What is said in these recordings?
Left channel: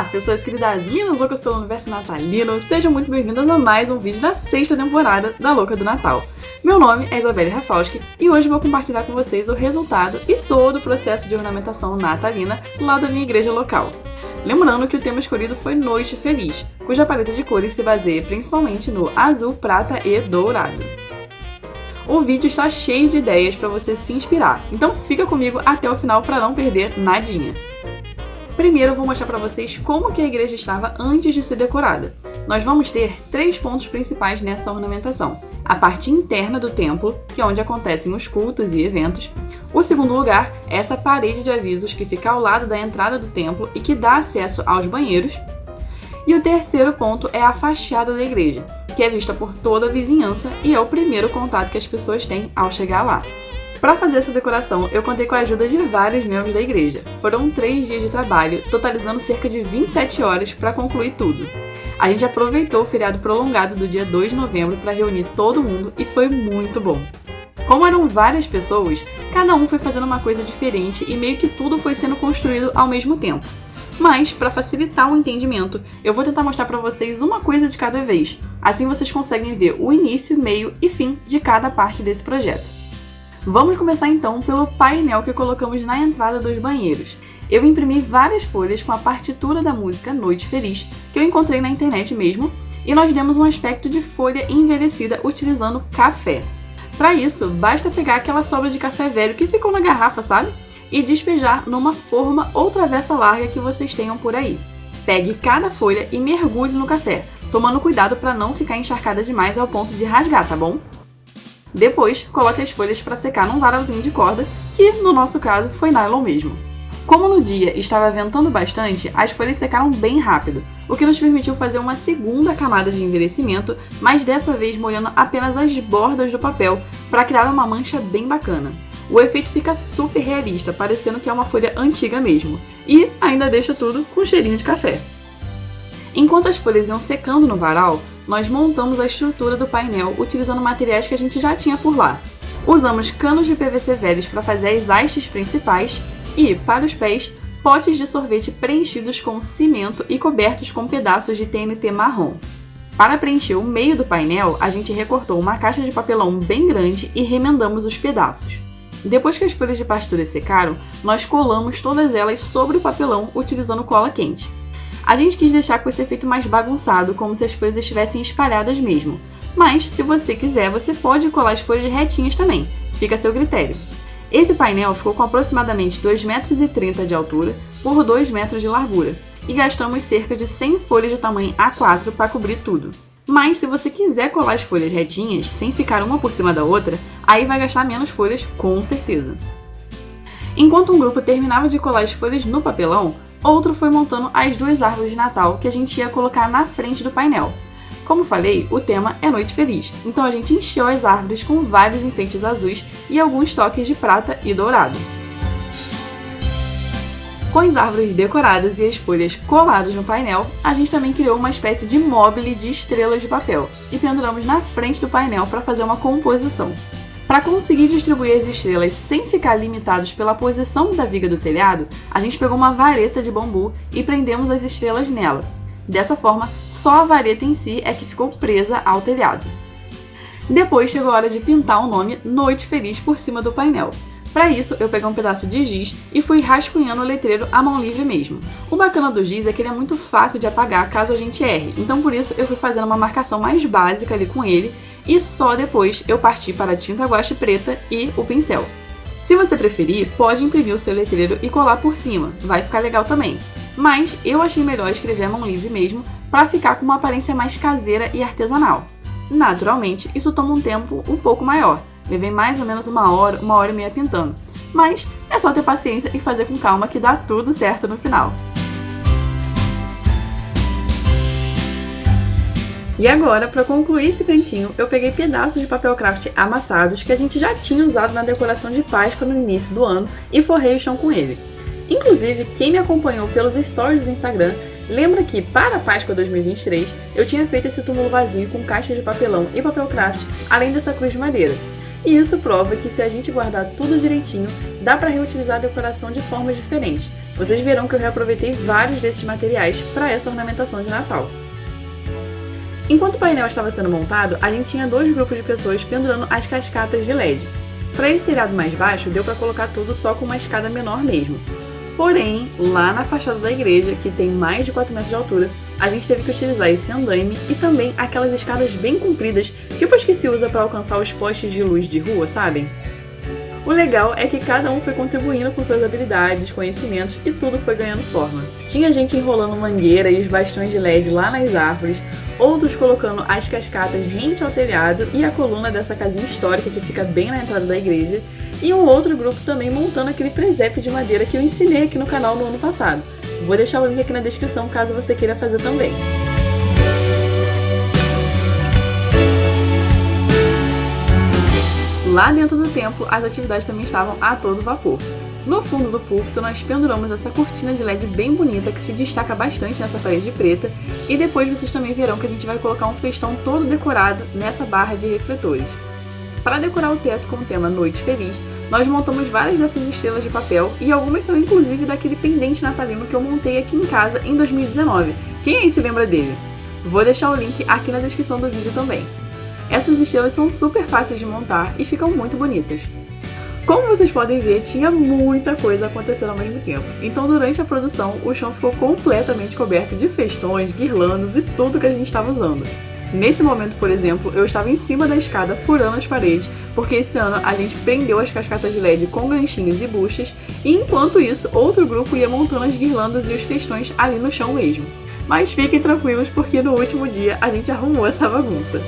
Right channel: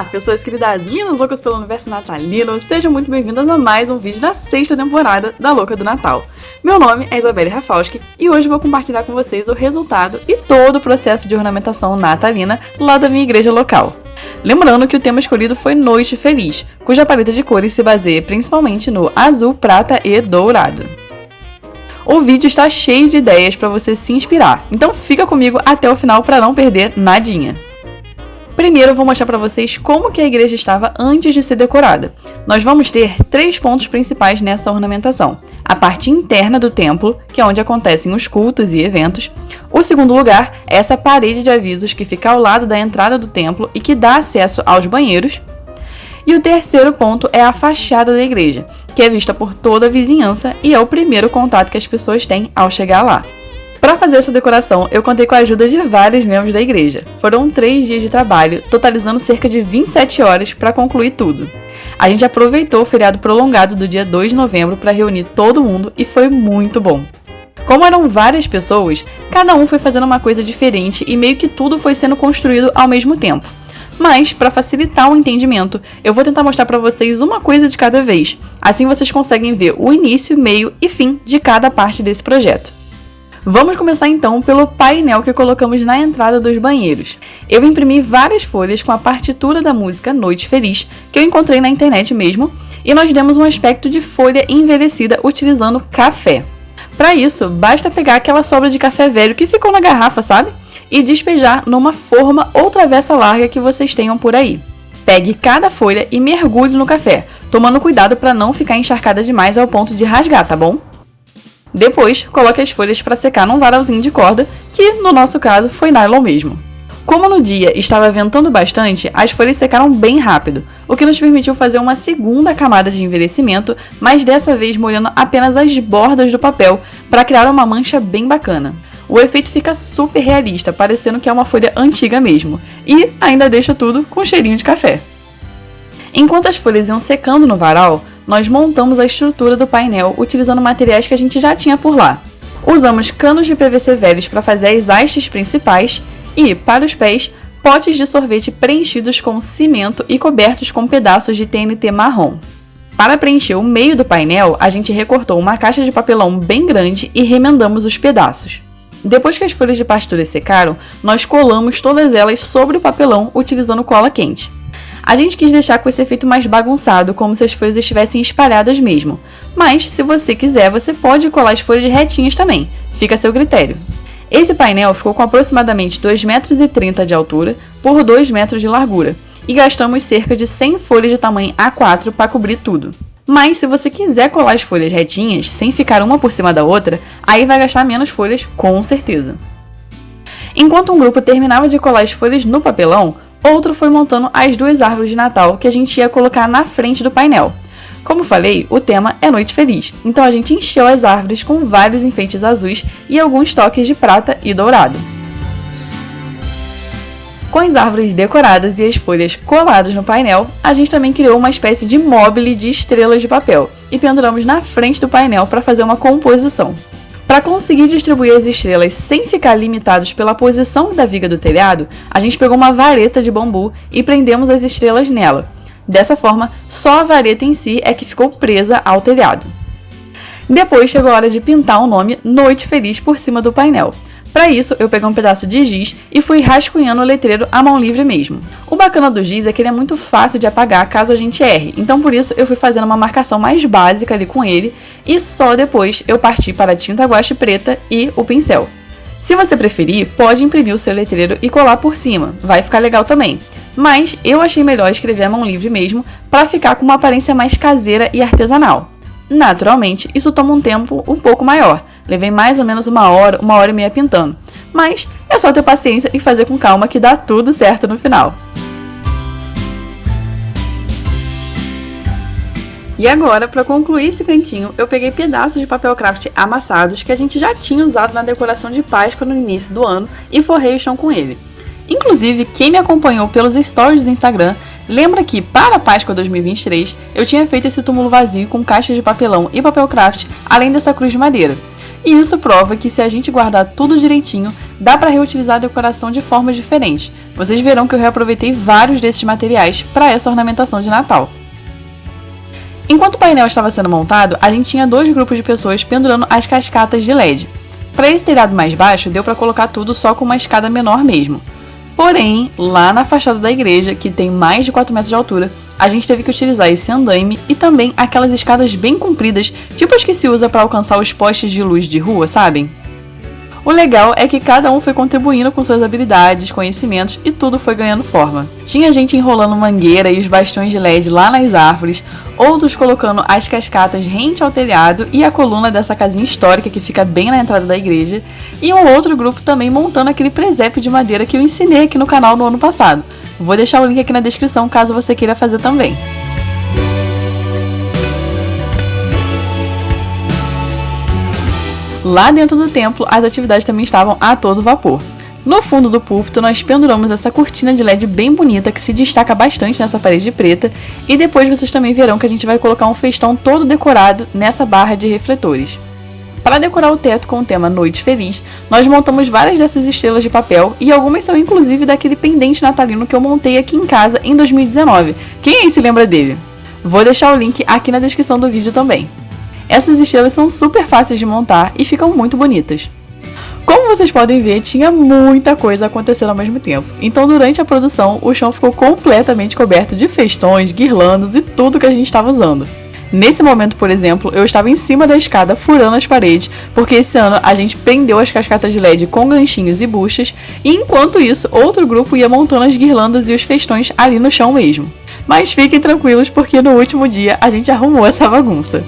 Olá, pessoas queridas lindas loucas pelo universo natalino, sejam muito bem-vindas a mais um vídeo da 6ª temporada da Louca do Natal. Meu nome é Isabelle Rafalski e hoje vou compartilhar com vocês o resultado e todo o processo de ornamentação natalina lá da minha igreja local. Lembrando que o tema escolhido foi Noite Feliz, cuja paleta de cores se baseia principalmente no azul, prata e dourado. O vídeo está cheio de ideias para você se inspirar, então fica comigo até o final para não perder nadinha. Primeiro eu vou mostrar para vocês como que a igreja estava antes de ser decorada. Nós vamos ter 3 pontos principais nessa ornamentação. A parte interna do templo, que é onde acontecem os cultos e eventos. O segundo lugar é essa parede de avisos que fica ao lado da entrada do templo e que dá acesso aos banheiros. E o terceiro ponto é a fachada da igreja, que é vista por toda a vizinhança e é o primeiro contato que as pessoas têm ao chegar lá. Para fazer essa decoração, eu contei com a ajuda de vários membros da igreja. Foram 3 dias de trabalho, totalizando cerca de 27 horas para concluir tudo. A gente aproveitou o feriado prolongado do dia 2 de novembro para reunir todo mundo e foi muito bom. Como eram várias pessoas, cada um foi fazendo uma coisa diferente e meio que tudo foi sendo construído ao mesmo tempo. Mas, para facilitar o entendimento, eu vou tentar mostrar para vocês uma coisa de cada vez. Assim vocês conseguem ver o início, meio e fim de cada parte desse projeto. Vamos começar então pelo painel que colocamos na entrada dos banheiros. Eu imprimi várias folhas com a partitura da música Noite Feliz, que eu encontrei na internet mesmo, e nós demos um aspecto de folha envelhecida utilizando café. Para isso, basta pegar aquela sobra de café velho que ficou na garrafa, sabe? E despejar numa forma ou travessa larga que vocês tenham por aí. Pegue cada folha e mergulhe no café, tomando cuidado para não ficar encharcada demais ao ponto de rasgar, tá bom? Depois, coloque as folhas para secar num varalzinho de corda, que no nosso caso foi nylon mesmo. Como no dia estava ventando bastante, as folhas secaram bem rápido, o que nos permitiu fazer uma segunda camada de envelhecimento, mas dessa vez molhando apenas as bordas do papel para criar uma mancha bem bacana. O efeito fica super realista, parecendo que é uma folha antiga mesmo, e ainda deixa tudo com cheirinho de café. Enquanto as folhas iam secando no varal, nós montamos a estrutura do painel utilizando materiais que a gente já tinha por lá. Usamos canos de PVC velhos para fazer as hastes principais e, para os pés, potes de sorvete preenchidos com cimento e cobertos com pedaços de TNT marrom. Para preencher o meio do painel, a gente recortou uma caixa de papelão bem grande e remendamos os pedaços. Depois que as folhas de partitura secaram, nós colamos todas elas sobre o papelão utilizando cola quente. A gente quis deixar com esse efeito mais bagunçado, como se as folhas estivessem espalhadas mesmo. Mas, se você quiser, você pode colar as folhas retinhas também. Fica a seu critério. Esse painel ficou com aproximadamente 2,30 m de altura por 2 metros de largura. E gastamos cerca de 100 folhas de tamanho A4 para cobrir tudo. Mas, se você quiser colar as folhas retinhas, sem ficar uma por cima da outra, aí vai gastar menos folhas, com certeza. Enquanto um grupo terminava de colar as folhas no papelão, outro foi montando as 2 árvores de Natal que a gente ia colocar na frente do painel. Como falei, o tema é Noite Feliz, então a gente encheu as árvores com vários enfeites azuis e alguns toques de prata e dourado. Com as árvores decoradas e as folhas coladas no painel, a gente também criou uma espécie de mobile de estrelas de papel e penduramos na frente do painel para fazer uma composição. Para conseguir distribuir as estrelas sem ficar limitados pela posição da viga do telhado, a gente pegou uma vareta de bambu e prendemos as estrelas nela. Dessa forma, só a vareta em si é que ficou presa ao telhado. Depois chegou a hora de pintar o nome Noite Feliz por cima do painel. Para isso, eu peguei um pedaço de giz e fui rascunhando o letreiro à mão livre mesmo. O bacana do giz é que ele é muito fácil de apagar caso a gente erre, então por isso eu fui fazendo uma marcação mais básica ali com ele e só depois eu parti para a tinta guache preta e o pincel. Se você preferir, pode imprimir o seu letreiro e colar por cima, vai ficar legal também. Mas eu achei melhor escrever à mão livre mesmo para ficar com uma aparência mais caseira e artesanal. Naturalmente, isso toma um tempo um pouco maior. Levei mais ou menos 1 hora e meia pintando. Mas é só ter paciência e fazer com calma que dá tudo certo no final. E agora, para concluir esse cantinho, eu peguei pedaços de papel craft amassados que a gente já tinha usado na decoração de Páscoa no início do ano e forrei o chão com ele. Inclusive, quem me acompanhou pelos stories do Instagram lembra que, para a Páscoa 2023, eu tinha feito esse túmulo vazio com caixas de papelão e papel craft, além dessa cruz de madeira. E isso prova que se a gente guardar tudo direitinho, dá para reutilizar a decoração de formas diferentes. Vocês verão que eu reaproveitei vários desses materiais para essa ornamentação de Natal. Enquanto o painel estava sendo montado, a gente tinha 2 grupos de pessoas pendurando as cascatas de LED. Para esse telhado mais baixo, deu para colocar tudo só com uma escada menor mesmo. Porém, lá na fachada da igreja, que tem mais de 4 metros de altura, a gente teve que utilizar esse andaime e também aquelas escadas bem compridas, tipo as que se usa para alcançar os postes de luz de rua, sabem? O legal é que cada um foi contribuindo com suas habilidades, conhecimentos e tudo foi ganhando forma. Tinha gente enrolando mangueira e os bastões de LED lá nas árvores, outros colocando as cascatas rente ao telhado e a coluna dessa casinha histórica que fica bem na entrada da igreja, e um outro grupo também montando aquele presépio de madeira que eu ensinei aqui no canal no ano passado. Vou deixar o link aqui na descrição caso você queira fazer também. Lá dentro do templo, as atividades também estavam a todo vapor. No fundo do púlpito, nós penduramos essa cortina de LED bem bonita que se destaca bastante nessa parede preta, e depois vocês também verão que a gente vai colocar um festão todo decorado nessa barra de refletores. Para decorar o teto com o tema Noite Feliz, nós montamos várias dessas estrelas de papel e algumas são inclusive daquele pendente natalino que eu montei aqui em casa em 2019. Quem aí se lembra dele? Vou deixar o link aqui na descrição do vídeo também. Essas estrelas são super fáceis de montar e ficam muito bonitas. Como vocês podem ver, tinha muita coisa acontecendo ao mesmo tempo. Então, durante a produção, o chão ficou completamente coberto de festões, guirlandas e tudo que a gente estava usando. Nesse momento, por exemplo, eu estava em cima da escada furando as paredes, porque esse ano a gente prendeu as cascatas de LED com ganchinhos e buchas, e enquanto isso, outro grupo ia montando as guirlandas e os festões ali no chão mesmo. Mas fiquem tranquilos, porque no último dia a gente arrumou essa bagunça.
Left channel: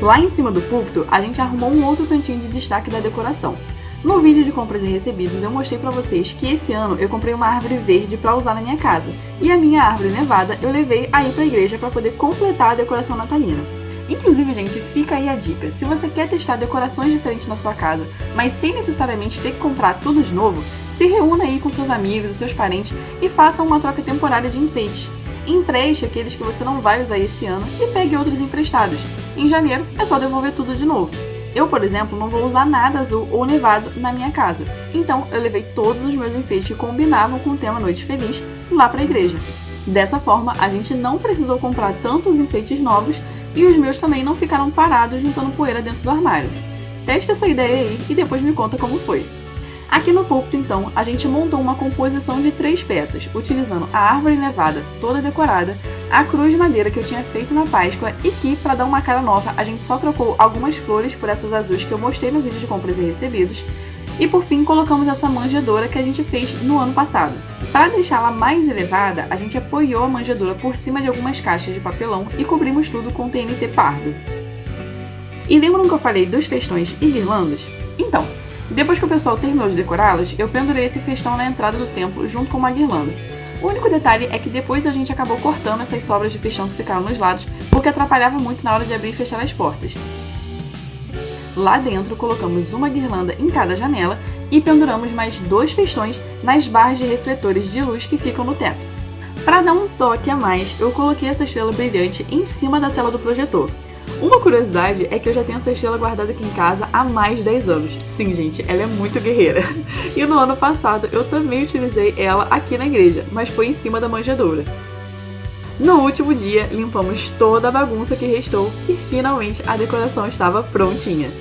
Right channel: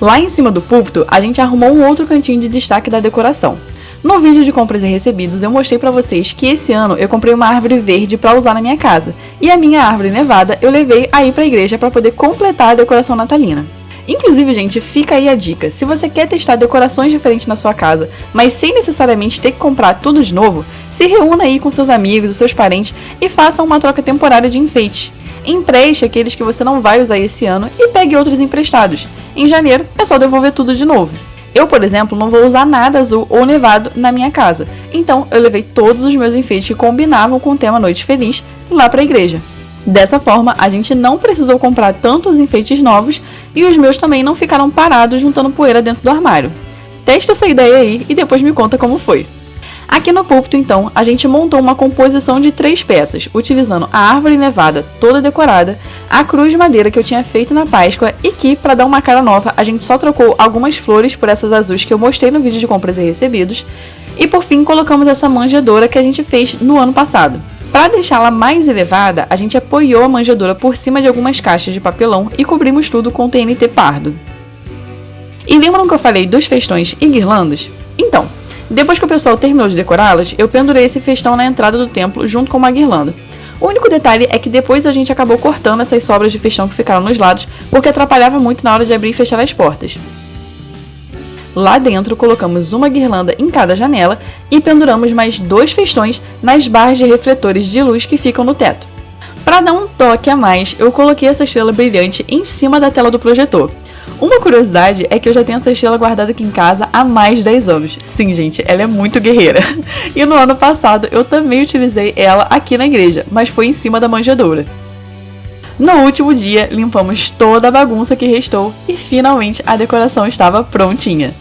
Lá em cima do púlpito, a gente arrumou um outro cantinho de destaque da decoração. No vídeo de compras e recebidos, eu mostrei pra vocês que esse ano eu comprei uma árvore verde pra usar na minha casa, e a minha árvore nevada eu levei aí pra igreja pra poder completar a decoração natalina. Inclusive, gente, fica aí a dica, se você quer testar decorações diferentes na sua casa, mas sem necessariamente ter que comprar tudo de novo, se reúna aí com seus amigos, os seus parentes e façam uma troca temporária de enfeites. Empreste aqueles que você não vai usar esse ano e pegue outros emprestados. Em janeiro é só devolver tudo de novo. Eu, por exemplo, não vou usar nada azul ou nevado na minha casa, então eu levei todos os meus enfeites que combinavam com o tema Noite Feliz lá para a igreja. Dessa forma, a gente não precisou comprar tantos enfeites novos e os meus também não ficaram parados juntando poeira dentro do armário. Testa essa ideia aí e depois me conta como foi. Aqui no púlpito, então, a gente montou uma composição de 3 peças, utilizando a árvore nevada toda decorada, a cruz de madeira que eu tinha feito na Páscoa e que, para dar uma cara nova, a gente só trocou algumas flores por essas azuis que eu mostrei no vídeo de compras e recebidos, e por fim colocamos essa manjedoura que a gente fez no ano passado. Para deixá-la mais elevada, a gente apoiou a manjedoura por cima de algumas caixas de papelão e cobrimos tudo com TNT pardo. E lembram que eu falei dos festões e guirlandas? Então, depois que o pessoal terminou de decorá-las, eu pendurei esse festão na entrada do templo junto com uma guirlanda. O único detalhe é que depois a gente acabou cortando essas sobras de festão que ficaram nos lados, porque atrapalhava muito na hora de abrir e fechar as portas. Lá dentro colocamos uma guirlanda em cada janela e penduramos mais 2 festões nas barras de refletores de luz que ficam no teto. Para dar um toque a mais, eu coloquei essa estrela brilhante em cima da tela do projetor. Uma curiosidade é que eu já tenho essa estrela guardada aqui em casa há mais de 10 anos. Sim, gente, ela é muito guerreira. E no ano passado eu também utilizei ela aqui na igreja, mas foi em cima da manjedoura. No último dia, limpamos toda a bagunça que restou e finalmente a decoração estava prontinha.